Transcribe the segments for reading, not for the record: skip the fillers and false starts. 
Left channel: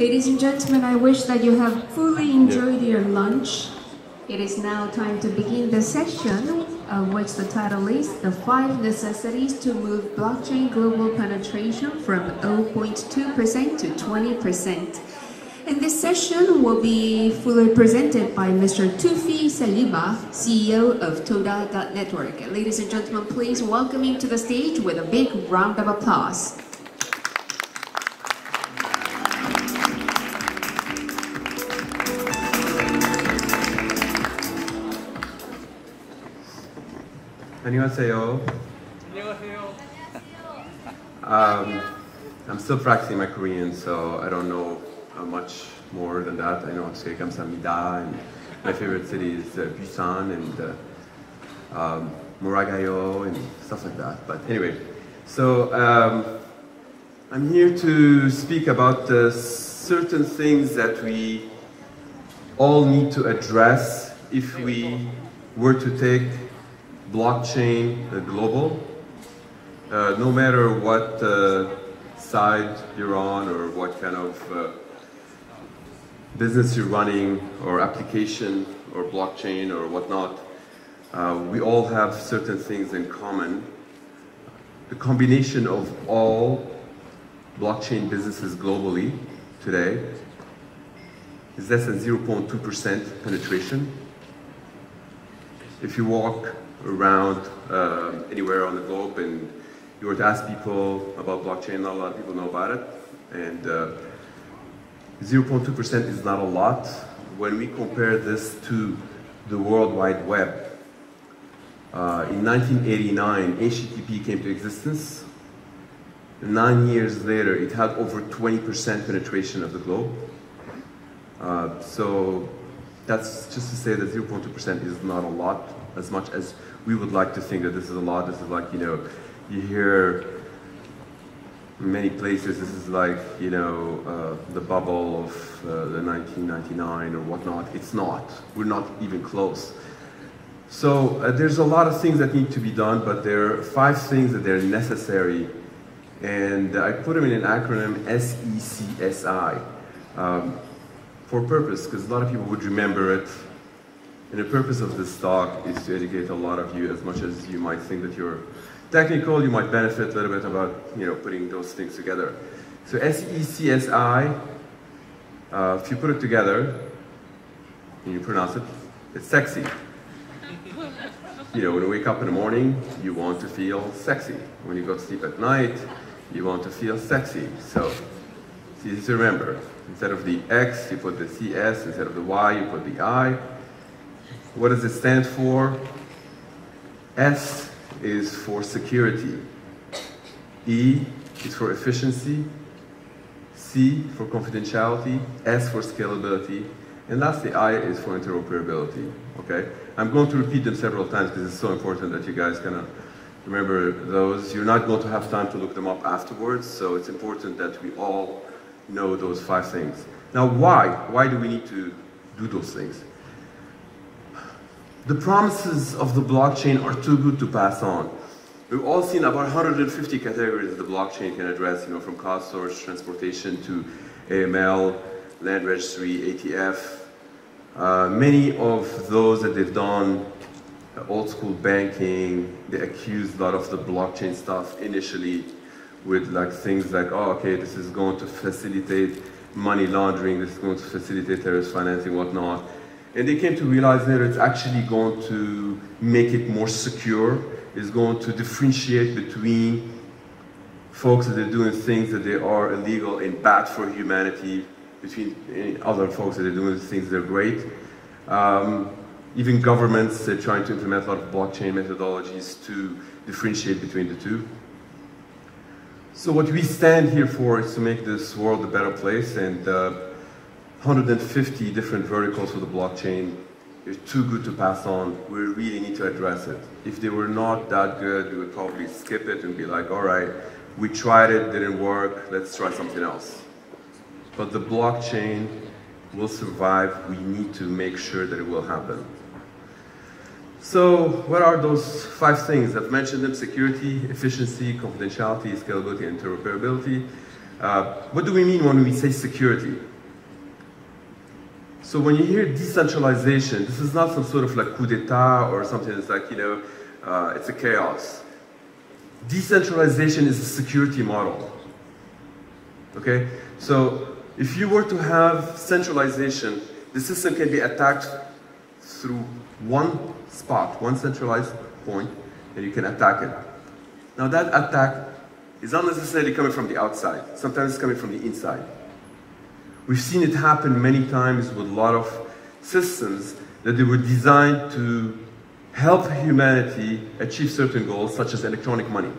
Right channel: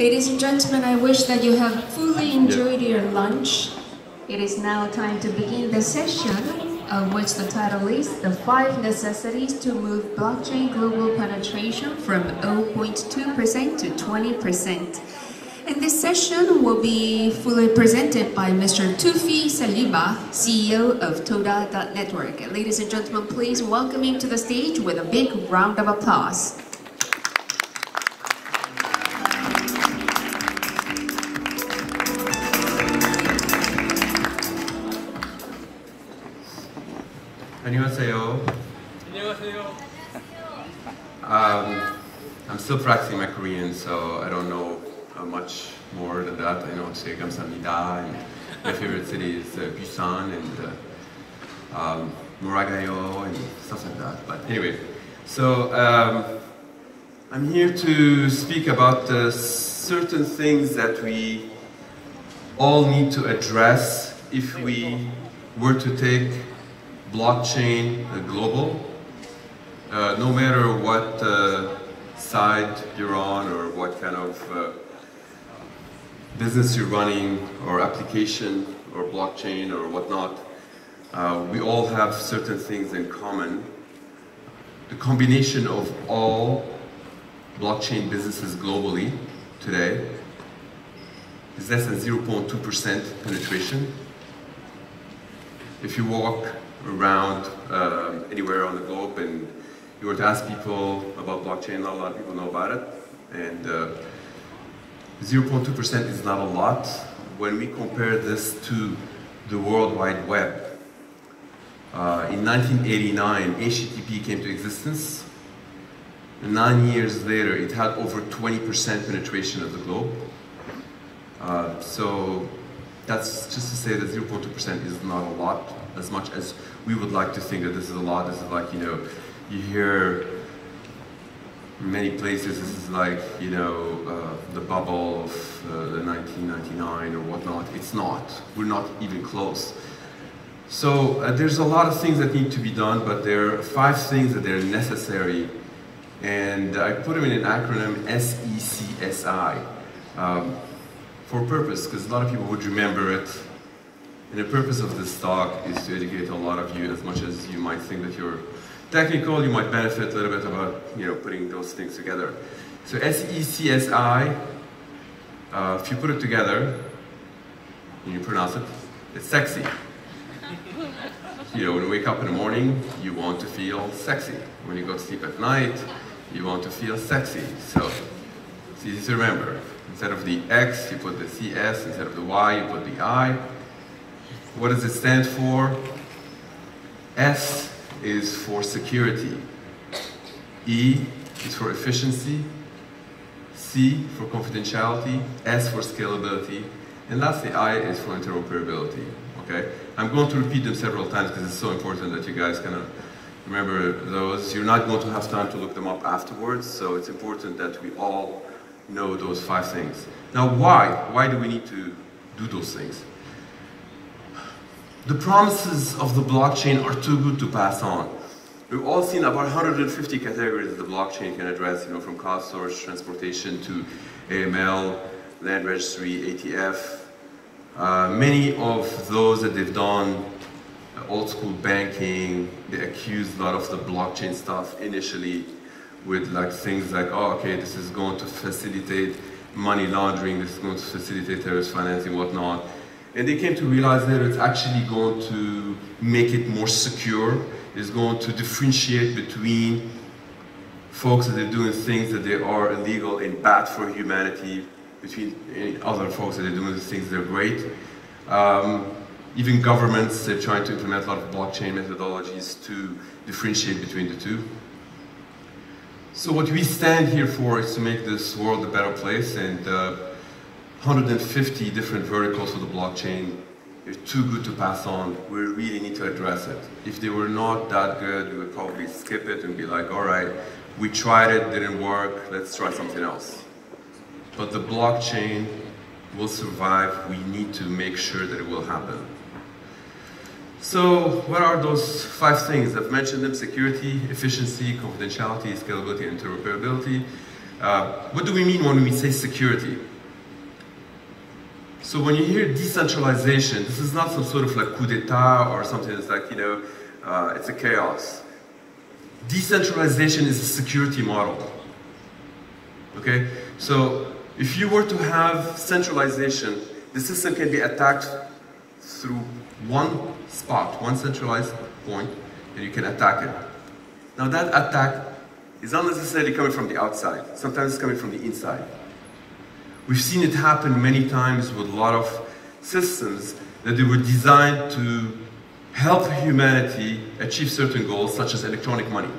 Ladies and gentlemen, I wish that you have fully enjoyed your lunch. It is now time to begin the session, of which the title is The 5 Necessities to Move Blockchain Global Penetration from 0.2% to 20%. And this session will be fully presented by Mr. Toufi Saliba, CEO of Toda.network. Ladies and gentlemen, please welcome him to the stage with a big round of applause. 안녕하세요. I'm still practicing my Korean, so I don't know much more than that. I know how to say 감사합니다, and my favorite city is Busan and Moragayo and stuff like that. But anyway, so I'm here to speak about certain things that we all need to address if we were to take blockchain global, no matter what side you're on or what kind of business you're running or application or blockchain or whatnot, we all have certain things in common. The combination of all blockchain businesses globally today is less than 0.2% penetration. If you walk around anywhere on the globe and you were to ask people about blockchain, not a lot of people know about it, and 0.2% is not a lot. When we compare this to the World Wide Web, in 1989 HTTP came to existence. 9 years later it had over 20% penetration of the globe. So that's just to say that 0.2% is not a lot, as much as we would like to think that this is a lot. This is like, you know, you hear in many places, this is like, you know, the bubble of the 1999 or whatnot. It's not. We're not even close. So there's a lot of things that need to be done, but there are 5 things that are necessary. And I put them in an acronym SECSI for purpose, because a lot of people would remember it. And the purpose of this talk is to educate a lot of you. As much as you might think that you're technical, you might benefit a little bit about, you know, putting those things together. So SECSI, if you put it together and you pronounce it, it's sexy. You know, when you wake up in the morning, you want to feel sexy. When you go to sleep at night, you want to feel sexy. So it's easy to remember. Instead of the X, you put the CS. Instead of the Y, you put the I. What does it stand for? S is for security. E is for efficiency. C for confidentiality. S for scalability. And lastly, I is for interoperability. Okay? I'm going to repeat them several times because it's so important that you guys kind of remember those. You're not going to have time to look them up afterwards, so it's important that we all know those 5 things. Now, why? Why do we need to do those things? The promises of the blockchain are too good to pass on. We've all seen about 150 categories the blockchain can address, you know, from cloud storage, transportation to AML, land registry, ATF. Many of those that they've done, old school banking, they accused a lot of the blockchain stuff initially with like things like, oh, okay, this is going to facilitate money laundering, this is going to facilitate terrorist financing, whatnot. And they came to realize that it's actually going to make it more secure. It's going to differentiate between folks that are doing things that they are illegal and bad for humanity, between other folks that are doing things that are great. Even governments are trying to implement a lot of blockchain methodologies to differentiate between the two. So what we stand here for is to make this world a better place, and 150 different verticals of the blockchain are too good to pass on. We really need to address it. If they were not that good, we would probably skip it and be like, all right, we tried it, didn't work, let's try something else. But the blockchain will survive. We need to make sure that it will happen. So what are those 5 things? I've mentioned them: security, efficiency, confidentiality, scalability, and interoperability. What do we mean when we say security? So when you hear decentralization, this is not some sort of like coup d'etat or something that's like, it's a chaos. Decentralization is a security model. Okay? So if you were to have centralization, the system can be attacked through one spot, one centralized point, and you can attack it. Now that attack is not necessarily coming from the outside. Sometimes it's coming from the inside. We've seen it happen many times with a lot of systems that they were designed to help humanity achieve certain goals, such as electronic money.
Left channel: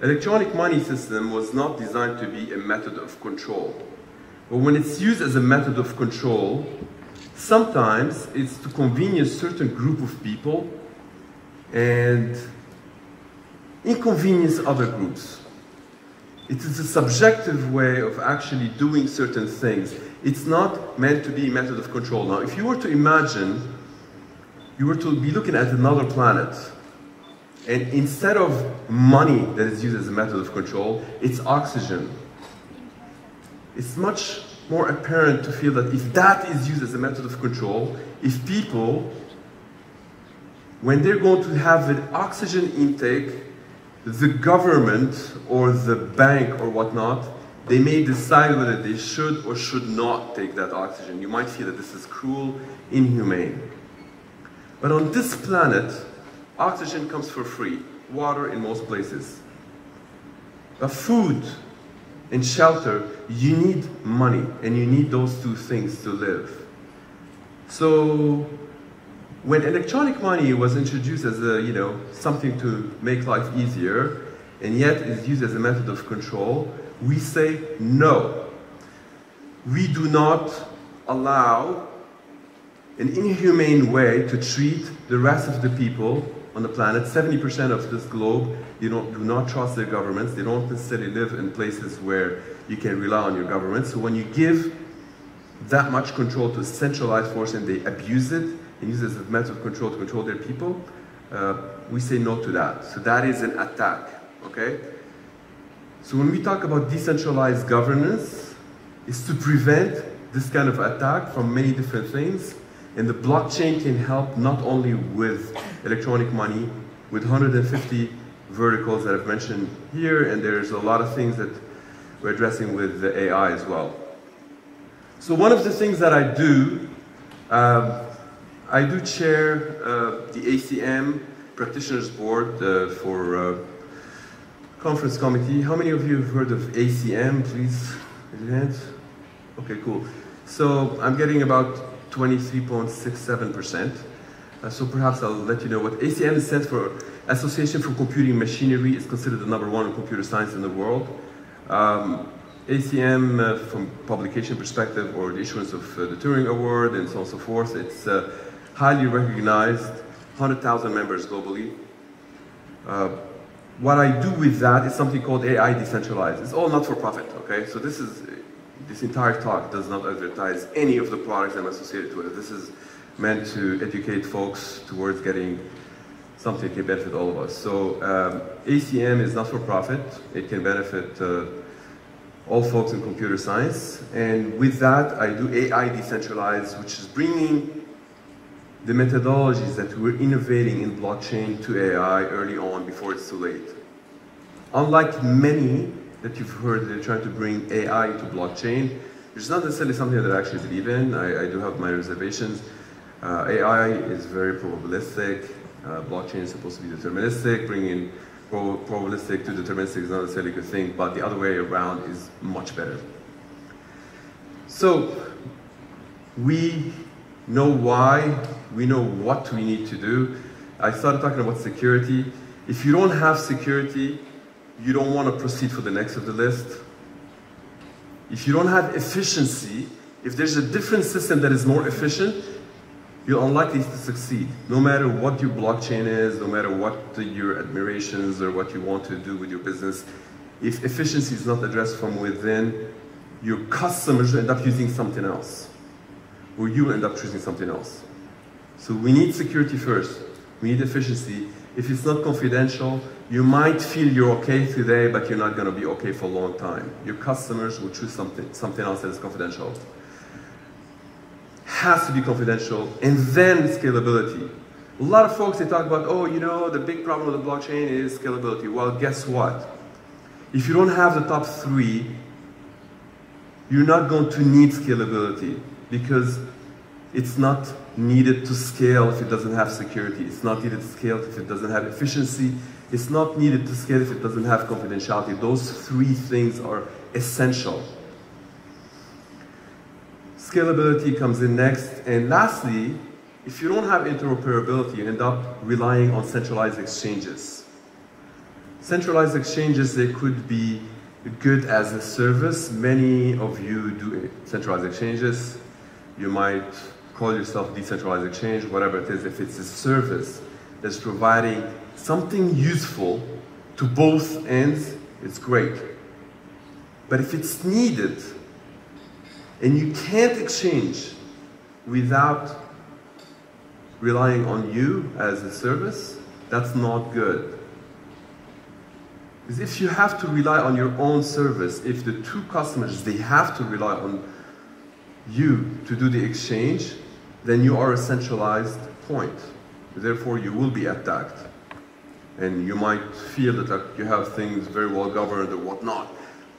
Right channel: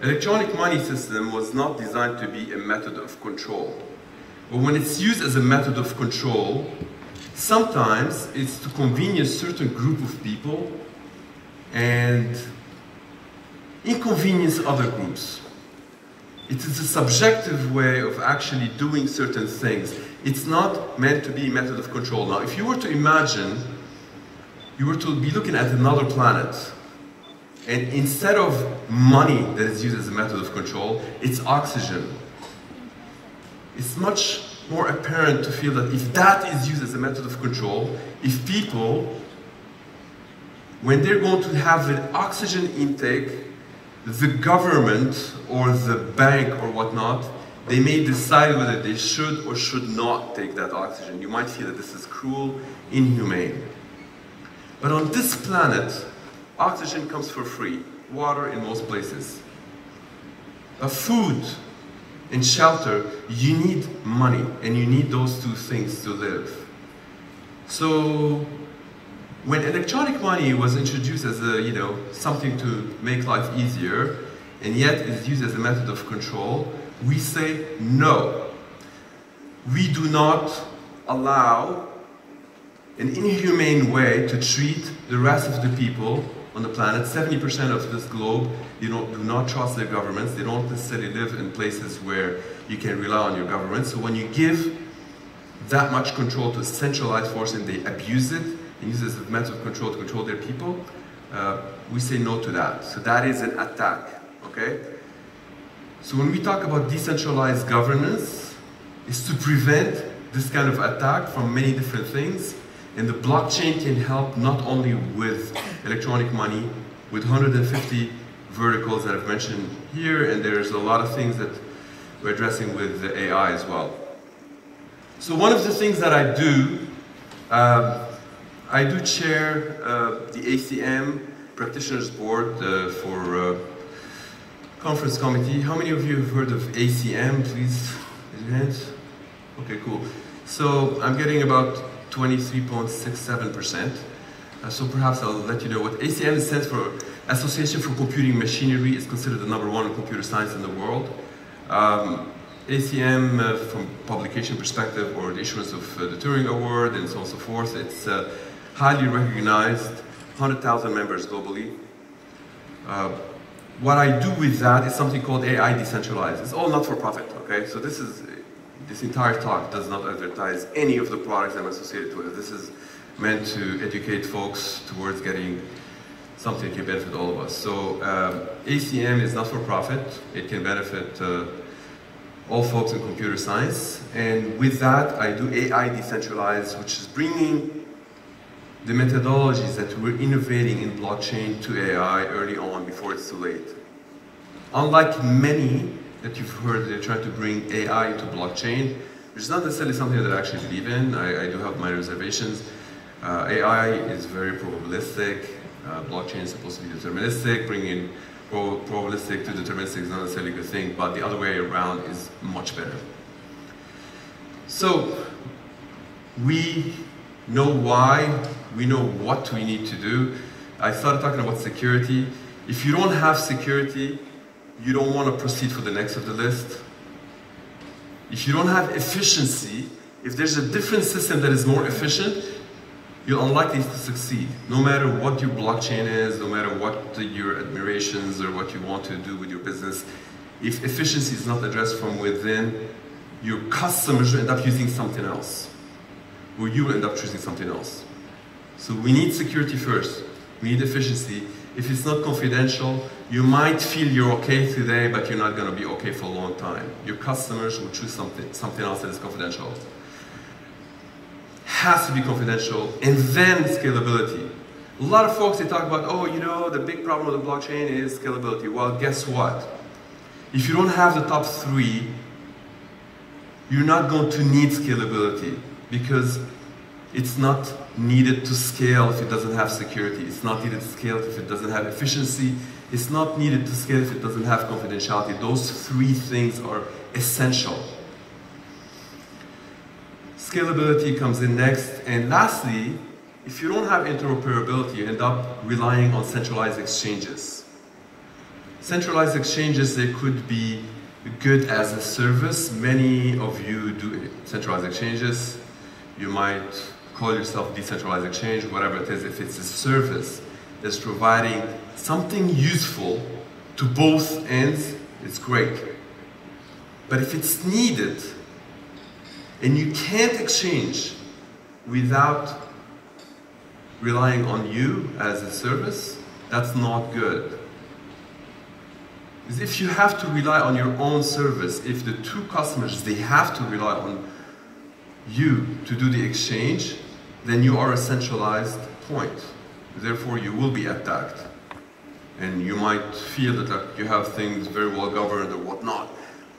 Electronic money system was not designed to be a method of control. But when it's used as a method of control, sometimes it's to convenience a certain group of people and inconvenience other groups. It is a subjective way of actually doing certain things. It's not meant to be a method of control. Now, if you were to imagine, you were to be looking at another planet, and instead of money that is used as a method of control, it's oxygen. It's much more apparent to feel that if that is used as a method of control, if people, when they're going to have an oxygen intake, the government or the bank or whatnot, they may decide whether they should or should not take that oxygen. You might feel that this is cruel, inhumane. But on this planet, oxygen comes for free, water in most places. But food and shelter, you need money, and you need those two things to live. So when electronic money was introduced as a, something to make life easier, and yet is used as a method of control, we say no. We do not allow an inhumane way to treat the rest of the people on the planet. 70% of this globe, do not trust their governments. They don't necessarily live in places where you can rely on your government. So when you give that much control to a centralized force and they abuse it, and use it as a method of control to control their people, we say no to that. So that is an attack, okay? So when we talk about decentralized governance, it's to prevent this kind of attack from many different things, and the blockchain can help not only with electronic money, with 150 verticals that I've mentioned here, and there's a lot of things that we're addressing with the AI as well. So one of the things that I do chair the ACM Practitioners Board for Conference Committee. How many of you have heard of ACM? Please raise your hands. Okay, cool. So I'm getting about 23.67%. So perhaps I'll let you know what ACM stands for. Association for Computing Machinery is considered the #1 in computer science in the world. ACM, from publication perspective, or the issuance of the Turing Award and so on and so forth, it's highly recognized, 100,000 members globally. What I do with that is something called AI Decentralized. It's all not for profit, okay? So this entire talk does not advertise any of the products I'm associated with. This is meant to educate folks towards getting something that can benefit all of us. So ACM is not for profit. It can benefit all folks in computer science. And with that, I do AI Decentralized, which is bringing the methodologies that we're innovating in blockchain to AI early on, before it's too late. Unlike many that you've heard, they're trying to bring AI into blockchain, which is not necessarily something that I actually believe in. I do have my reservations. AI is very probabilistic. Blockchain is supposed to be deterministic. Bringing probabilistic to deterministic is not necessarily a good thing, but the other way around is much better. So we know why, we know what we need to do. I started talking about security. If you don't have security, you don't want to proceed for the next of the list. If you don't have efficiency, if there's a different system that is more efficient, you're unlikely to succeed. No matter what your blockchain is, no matter what your admirations or what you want to do with your business, if efficiency is not addressed from within, your customers will end up using something else, or you will end up choosing something else. So we need security first. We need efficiency. If it's not confidential, you might feel you're okay today, but you're not going to be okay for a long time. Your customers will choose something else that is confidential. has to be confidential, and then scalability. A lot of folks, they talk about, oh, you know, the big problem with the blockchain is scalability. Well, guess what? If you don't have the top three, you're not going to need scalability, because it's not needed to scale if it doesn't have security. It's not needed to scale if it doesn't have efficiency. It's not needed to scale if it doesn't have confidentiality. Those three things are essential. Scalability comes in next. And lastly, if you don't have interoperability, you end up relying on centralized exchanges. Centralized exchanges, they could be good as a service. Many of you do centralized exchanges. You might call yourself decentralized exchange, whatever it is. If it's a service that's providing something useful to both ends, it's great. But if it's needed and you can't exchange without relying on you as a service, that's not good. Because if you have to rely on your own service, if the two customers, they have to rely on you to do the exchange, then you are a centralized point. Therefore, you will be attacked. And you might feel that like, you have things very well governed or whatnot,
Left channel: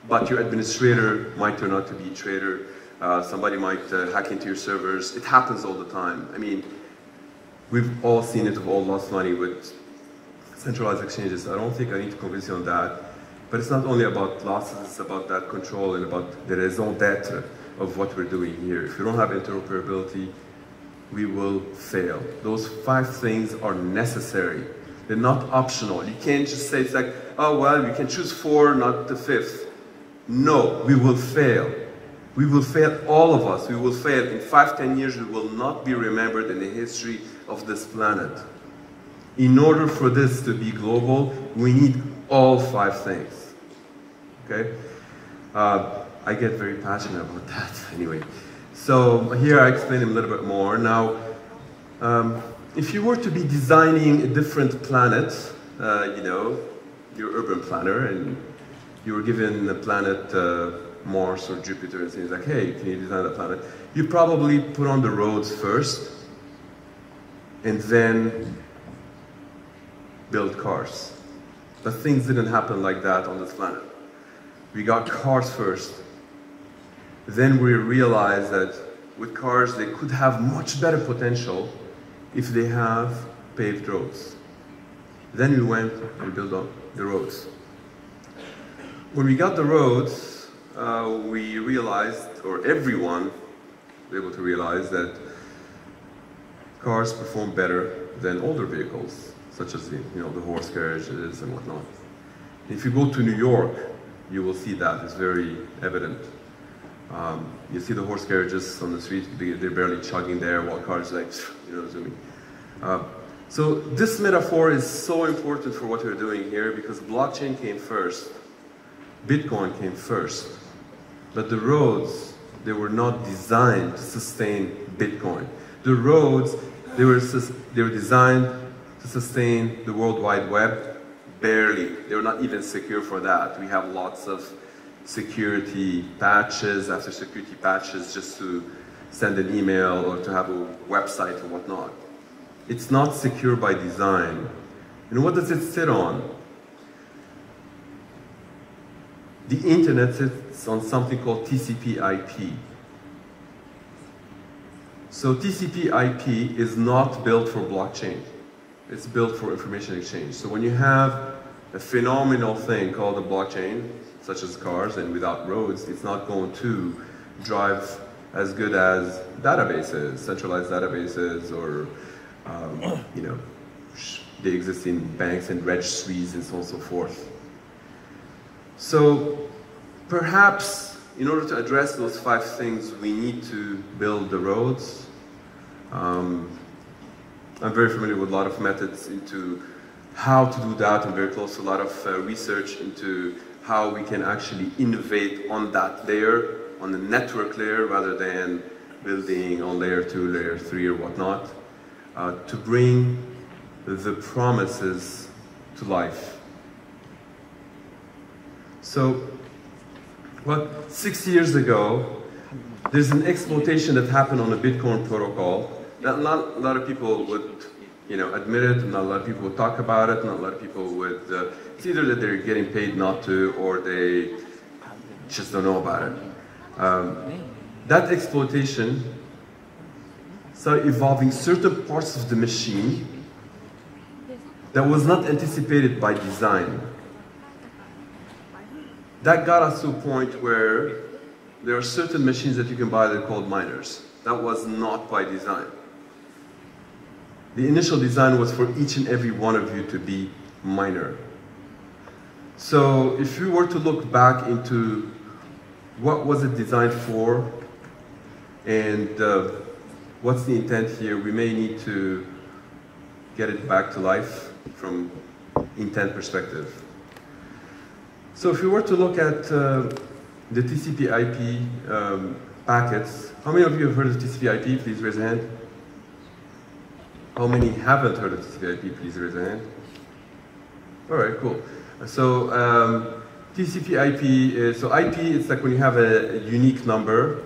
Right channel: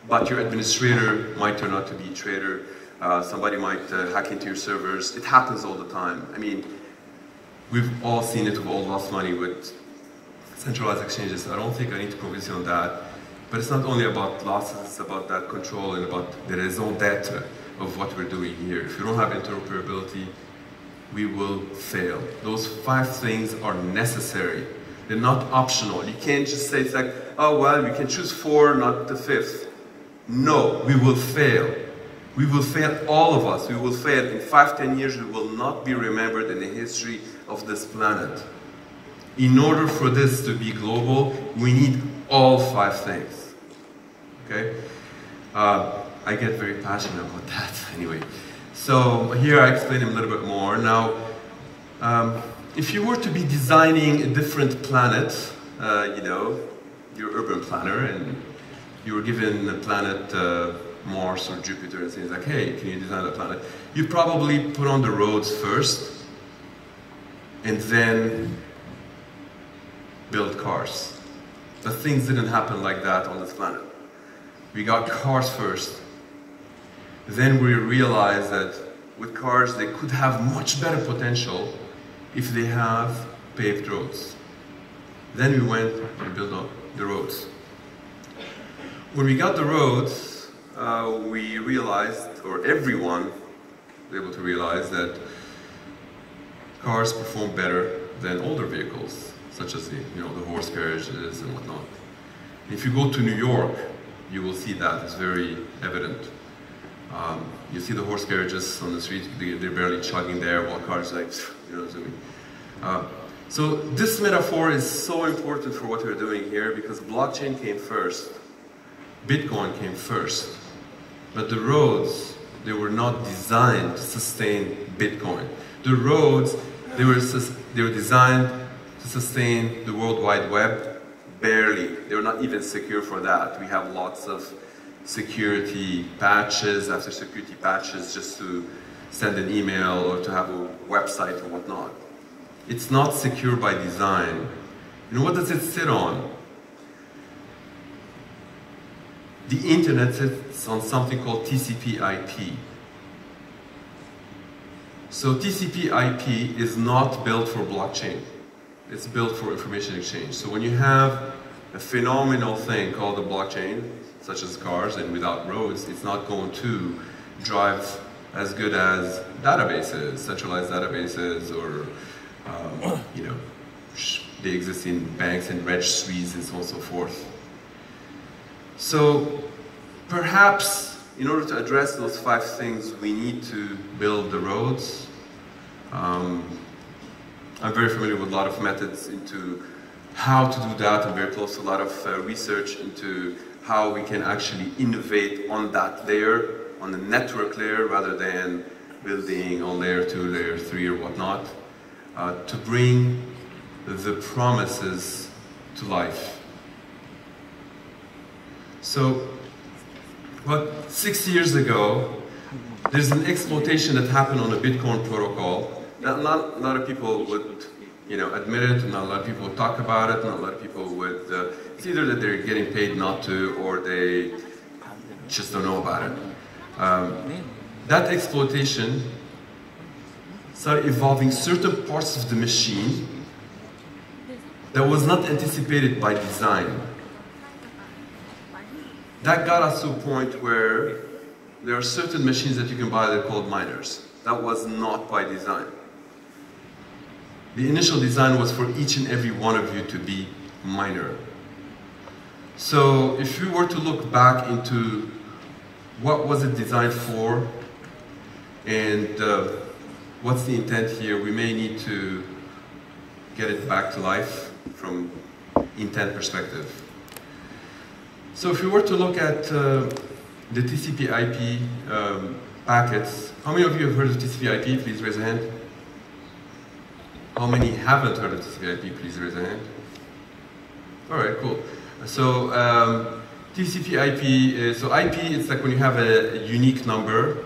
but your administrator might turn out to be a traitor. Somebody might hack into your servers. It happens all the time. I mean, we've all seen it, we've all lost money with centralized exchanges. I don't think I need to convince you on that. But it's not only about losses, it's about that control and about the raison d'etre of what we're doing here. If you don't have interoperability, we will fail. Those 5 things are necessary. They're not optional. You can't just say, it's like, oh, well, you can choose 4, not the 5th. No, we will fail. We will fail, all of us. We will fail. In 5, 10 years, we will not be remembered in the history of this planet. In order for this to be global, we need all 5 things. Okay? I get very passionate about that anyway. So here I explain them a little bit more. Now, if you were to be designing a different planet, you know, you're an urban planner and you were given a planet Mars or Jupiter and say like, hey, can you design a planet? You probably put on the roads first and then build cars. But things didn't happen like that on this planet. We got cars first. Then we realized that with cars, they could have much better potential if they have paved roads. Then we went and built up the roads. When we got the roads, we realized, or everyone was able to realize, that cars perform better than older vehicles, such as the horse carriages and whatnot. If you go to New York, you will see that. It's very evident. You see the horse carriages on the street, they're barely chugging there, while cars like, you know what I mean? So this metaphor is so important for what we're doing here, because blockchain came first, Bitcoin came first, but the roads, they were not designed to sustain Bitcoin. The roads, they were designed to sustain the World Wide Web, barely. They were not even secure for that. We have lots of security patches after security patches just to send an email or to have a website or whatnot. It's not secure by design. And what does it sit on? The internet sits on something called TCP/IP. So TCP/IP is not built for blockchain. It's built for information exchange. So when you have a phenomenal thing called the blockchain, such as cars, and without roads, it's not going to drive as good as databases, centralized databases, or they exist in banks and registries and so on and so forth. So perhaps in order to address those 5 things, we need to build the roads. I'm very familiar with a lot of methods into how to do that. I'm very close to a lot of research into how we can actually innovate on that layer, on the network layer, rather than building on layer 2, layer 3, or whatnot, to bring the promises to life. So, 6 years ago, there's an exploitation that happened on the Bitcoin protocol that not a lot of people would, admit it, and not a lot of people would talk about it, and not a lot of people would, it's either that they're getting paid not to, or they just don't know about it. That exploitation started evolving certain parts of the machine that was not anticipated by design. That got us to a point where there are certain machines that you can buy that are called miners. That was not by design. The initial design was for each and every one of you to be miner. So if we were to look back into what was it designed for and what's the intent here, we may need to get it back to life from intent perspective. So if we were to look at the TCP/IP packets, how many of you have heard of TCP/IP? Please raise a hand. How many haven't heard of TCP/IP? Please raise a hand. All right, cool. So TCP/IP is, so IP, it's like when you have a unique number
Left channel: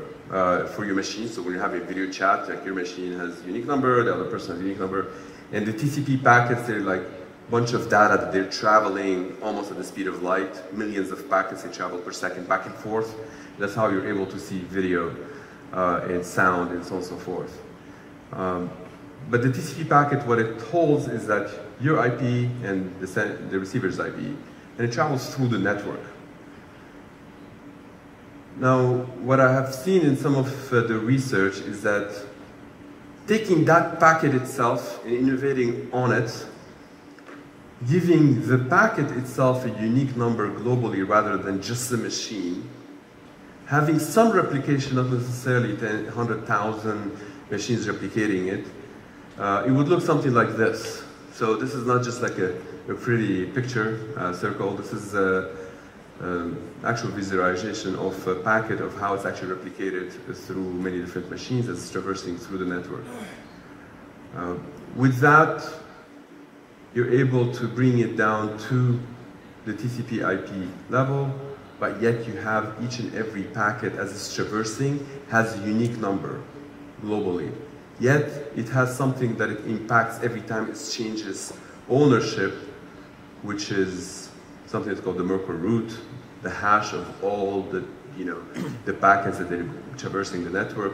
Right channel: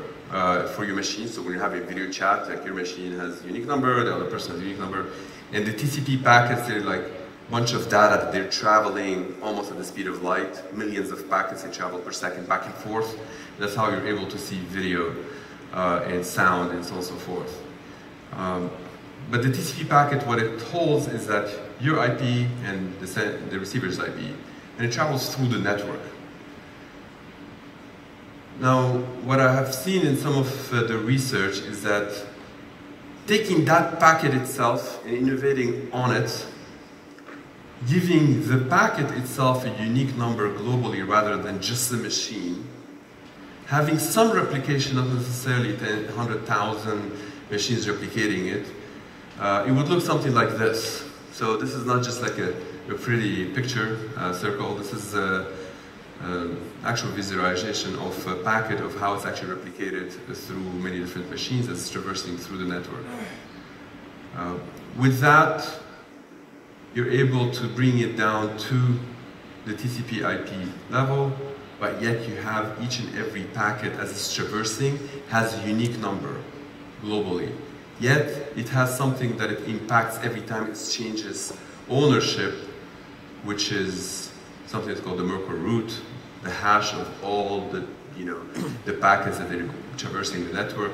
for your machine. So when you have a video chat, like your machine has a unique number, the other person has a unique number. And the TCP packets, they're like a bunch of data that they're traveling almost at the speed of light. Millions of packets they travel per second back and forth. That's how you're able to see video and sound and so on and so forth. But the TCP packet, what it holds is that your IP and the receiver's IP, and it travels through the network. Now, what I have seen in some of the research is that taking that packet itself and innovating on it, giving the packet itself a unique number globally rather than just the machine, having some replication, not necessarily 100,000 machines replicating it, it would look something like this. So this is not just like a pretty picture circle. This is actual visualization of a packet of how it's actually replicated through many different machines as it's traversing through the network. With that, you're able to bring it down to the TCP/IP level, but yet you have each and every packet as it's traversing has a unique number globally. Yet it has something that it impacts every time it changes ownership, which is something that's called the Merkle root, the hash of all the the packets that they're traversing the network.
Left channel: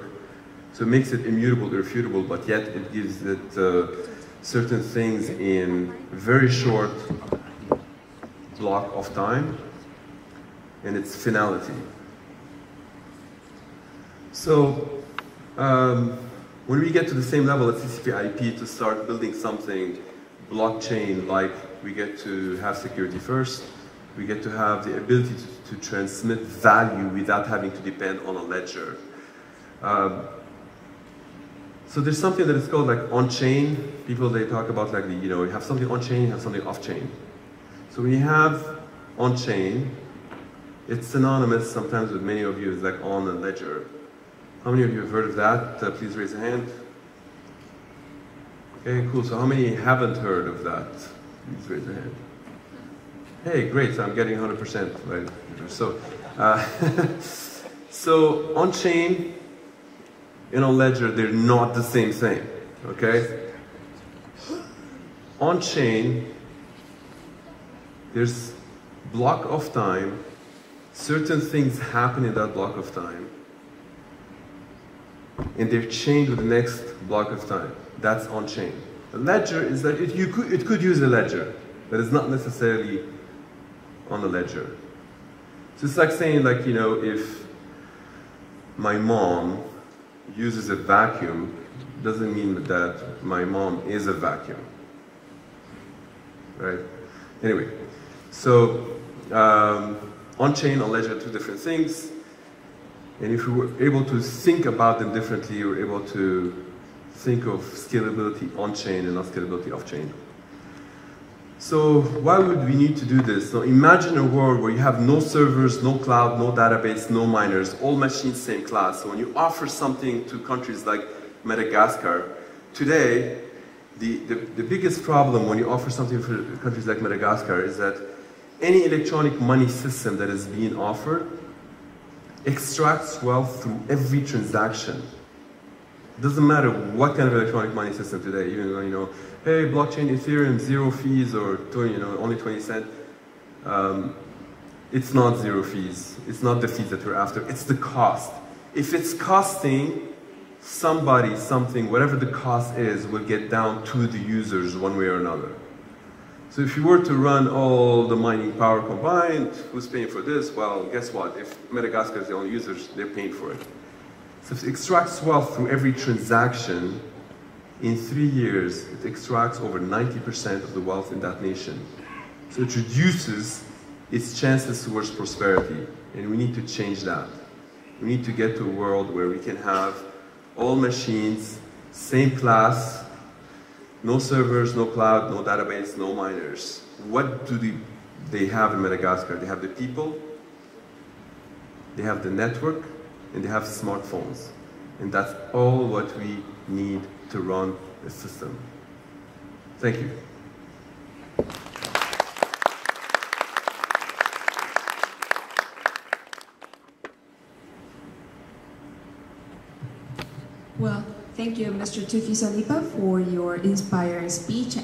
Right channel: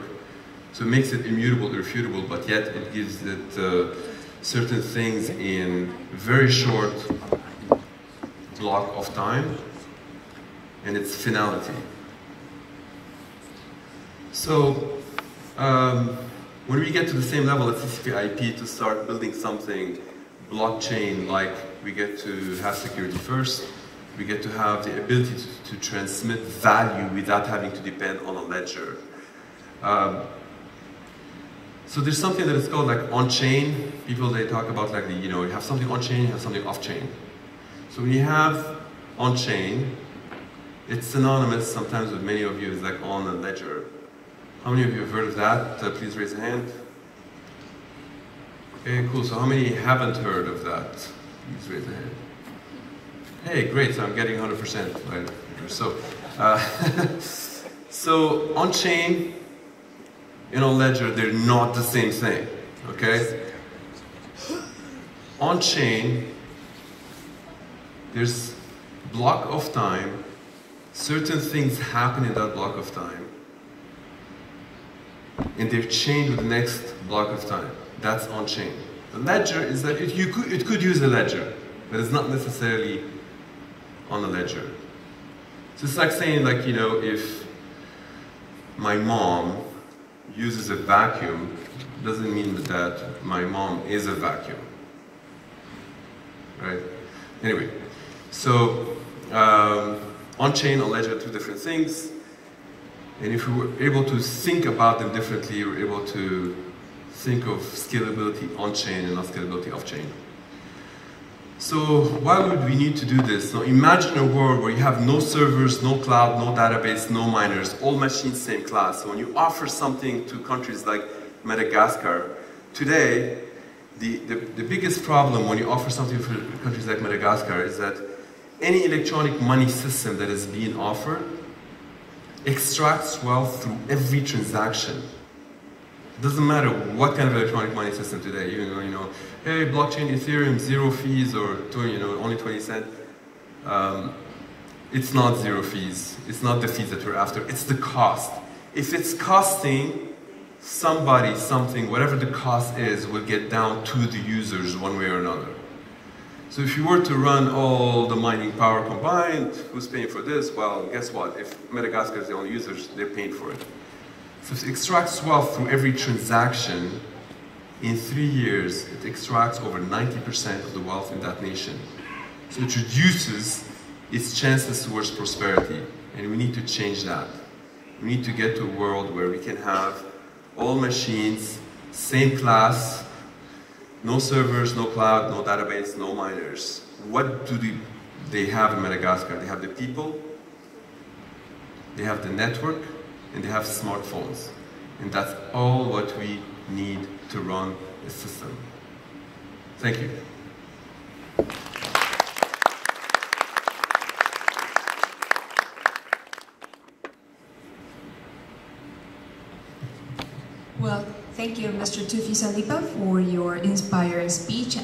So it makes it immutable, irrefutable, but yet it gives it certain things in very short block of time, and its finality. So when we get to the same level as TCP/IP to start building something blockchain-like, we get to have security first. We get to have the ability to transmit value without having to depend on a ledger. So there's something that is called like on-chain. People, they talk about like you have something on-chain, you have something off-chain. So when you have on-chain, it's synonymous sometimes with many of you is like on a ledger. How many of you have heard of that? Please raise a hand. Okay, cool. So how many haven't heard of that? Please raise a hand. Hey, great. So I'm getting 100%. Right? So, so on-chain and on ledger, they're not the same thing. Okay? On-chain, there's block of time. Certain things happen in that block of time, and they're chained with the next block of time. That's on-chain. The ledger is that it could use a ledger, but it's not necessarily on a ledger. So it's like saying, like, if my mom uses a vacuum, doesn't mean that my mom is a vacuum, right? Anyway, so on-chain, on ledger, two different things. And if we were able to think about them differently, we're able to think of scalability on-chain and not scalability off-chain. So why would we need to do this? So imagine a world where you have no servers, no cloud, no database, no miners, all machines same class. So when you offer something to countries like Madagascar, today, the biggest problem when you offer something for countries like Madagascar is that any electronic money system that is being offered extracts wealth through every transaction. Doesn't matter what kind of electronic money system today. You know, hey, blockchain, Ethereum, 0 fees or only 20 cents. It's not 0 fees. It's not the fees that we're after. It's the cost. If it's costing somebody something, whatever the cost is, will get down to the users one way or another. So if you were to run all the mining power combined, who's paying for this? Well, guess what? If Madagascar is the only users, they're paying for it. So it extracts wealth through every transaction. In 3 years, it extracts over 90% of the wealth in that nation. So it reduces its chances towards prosperity, and we need to change that. We need to get to a world where we can have all machines, same class, no servers, no cloud, no database, no miners. What do they have in Madagascar? They have the people, they have the network, and they have smartphones. And that's all what we need to run the system. Thank you. Well, thank you, Mr. Toufi Saliba, for your inspired speech.